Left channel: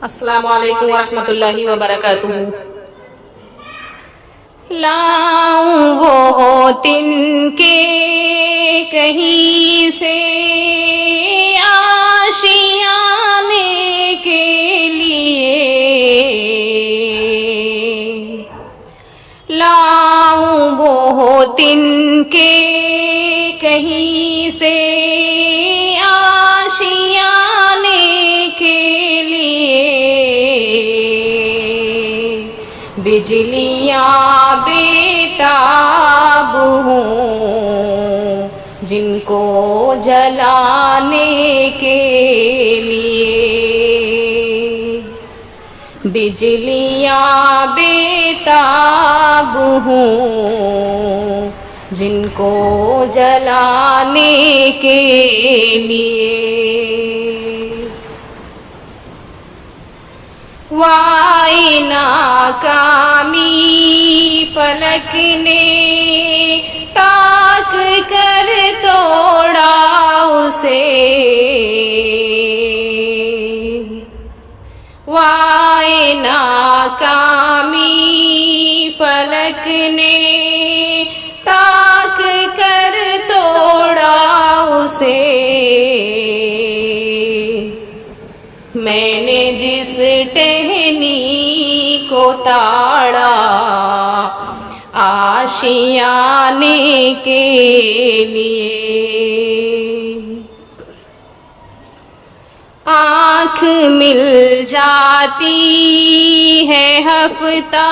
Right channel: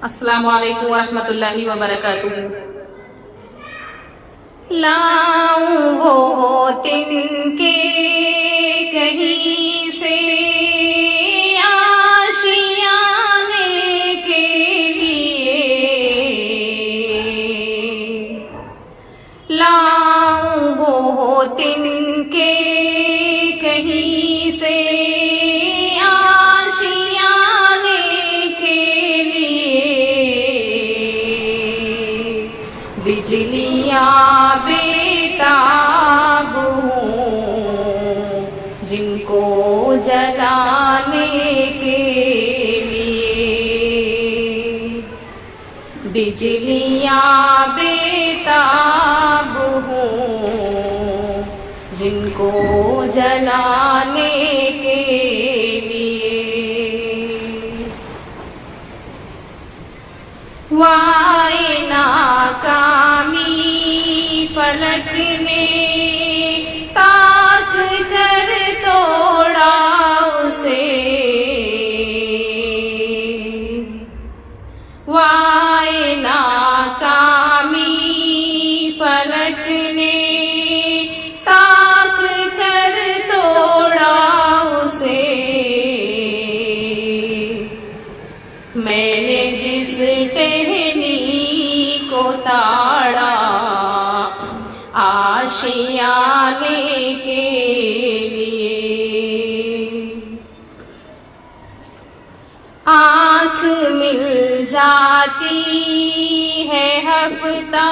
अस्सलामु अलैकुम वरहमतुल्लाहि वबरकातुहू। लाऊं वो तिनके कहीं से आशियाने के लिए, लाऊं वो तिनके कहीं से बिजलियाँ बेताब हों जिनको जलाने के लिए, बिजलियाँ बेताब हों जिनको जलाने के लिए। वाई नाकामी फलक ने ताक कर तोड़ा उसे, वाई नाकामी फलक ने ताक कर तोड़ा उसे। मैंने जिस टहनी को ताड़ा आशियाने के लिए, आँख मिल जाती है हफ्ता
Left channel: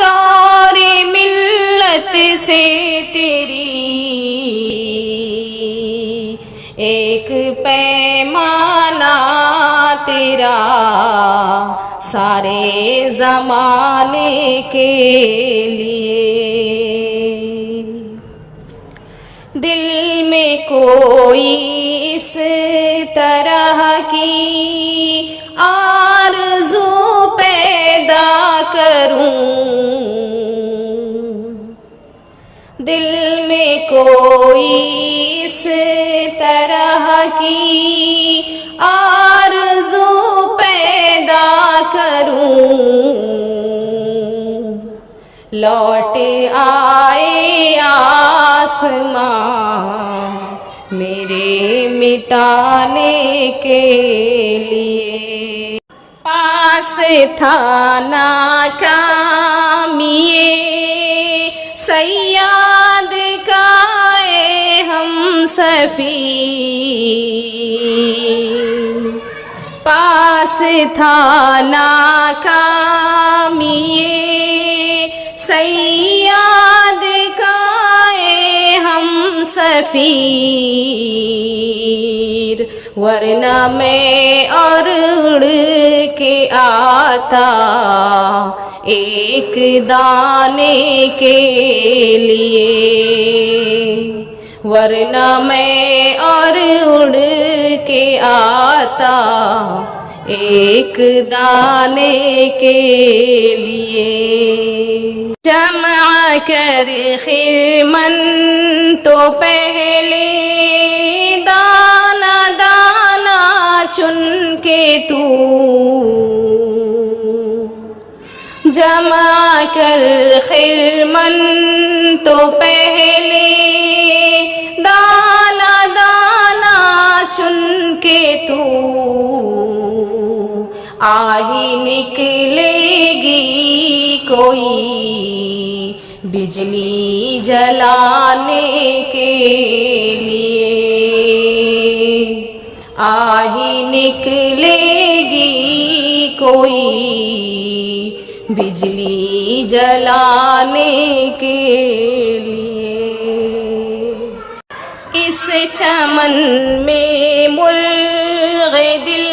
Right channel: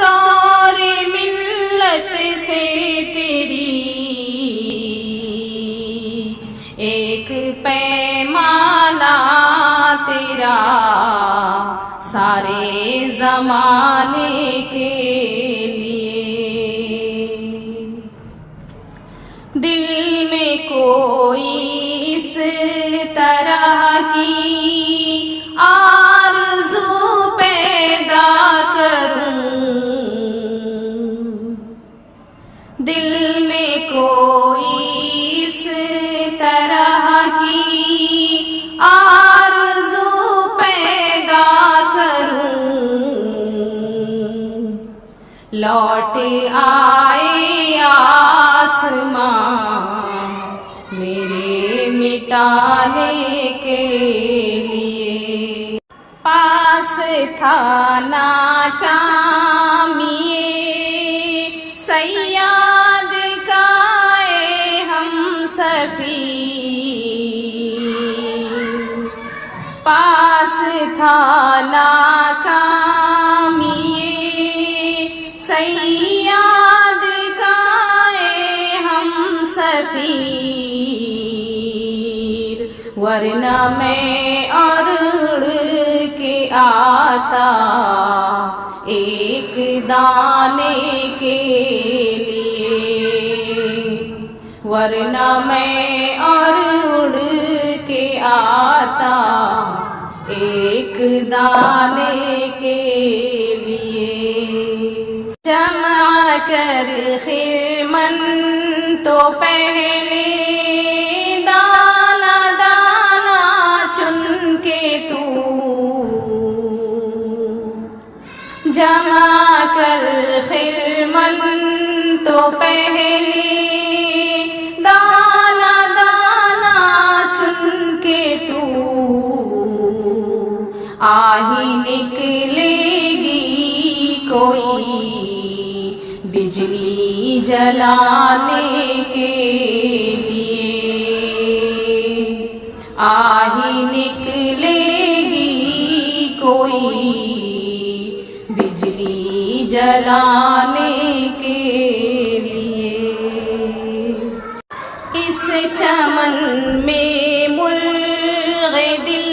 दौरे मिल्लत से तेरी, एक पैमाना तेरा सारे ज़माने के लिए। दिल में कोई इस तरह की आरज़ू पैदा करूं, दिल में कोई इस तरह की आरज़ू पैदा करूं, लौट आए आसमां मेरे मिटाने के लिए। पास था नाकामिए सैयाद का हम सफ़ीर, पास था नाकामिए सैयाद का हम सफ़ीर, वरना मैं और उड़ के आता एक दाने के लिए, वरना मैं और उड़ के आता एक दाने के लिए। जमा कर खिरमन तो पहले दाना दाना चुन के तू, जमा कर खिरमन तो पहले दाना दाना चुन के तू, आही निकलेगी कोई बिजली जलाने के लिए, आही निकलेगी कोई बिजली जलाने के लिए। इस चमन में मुर्ग़े दिल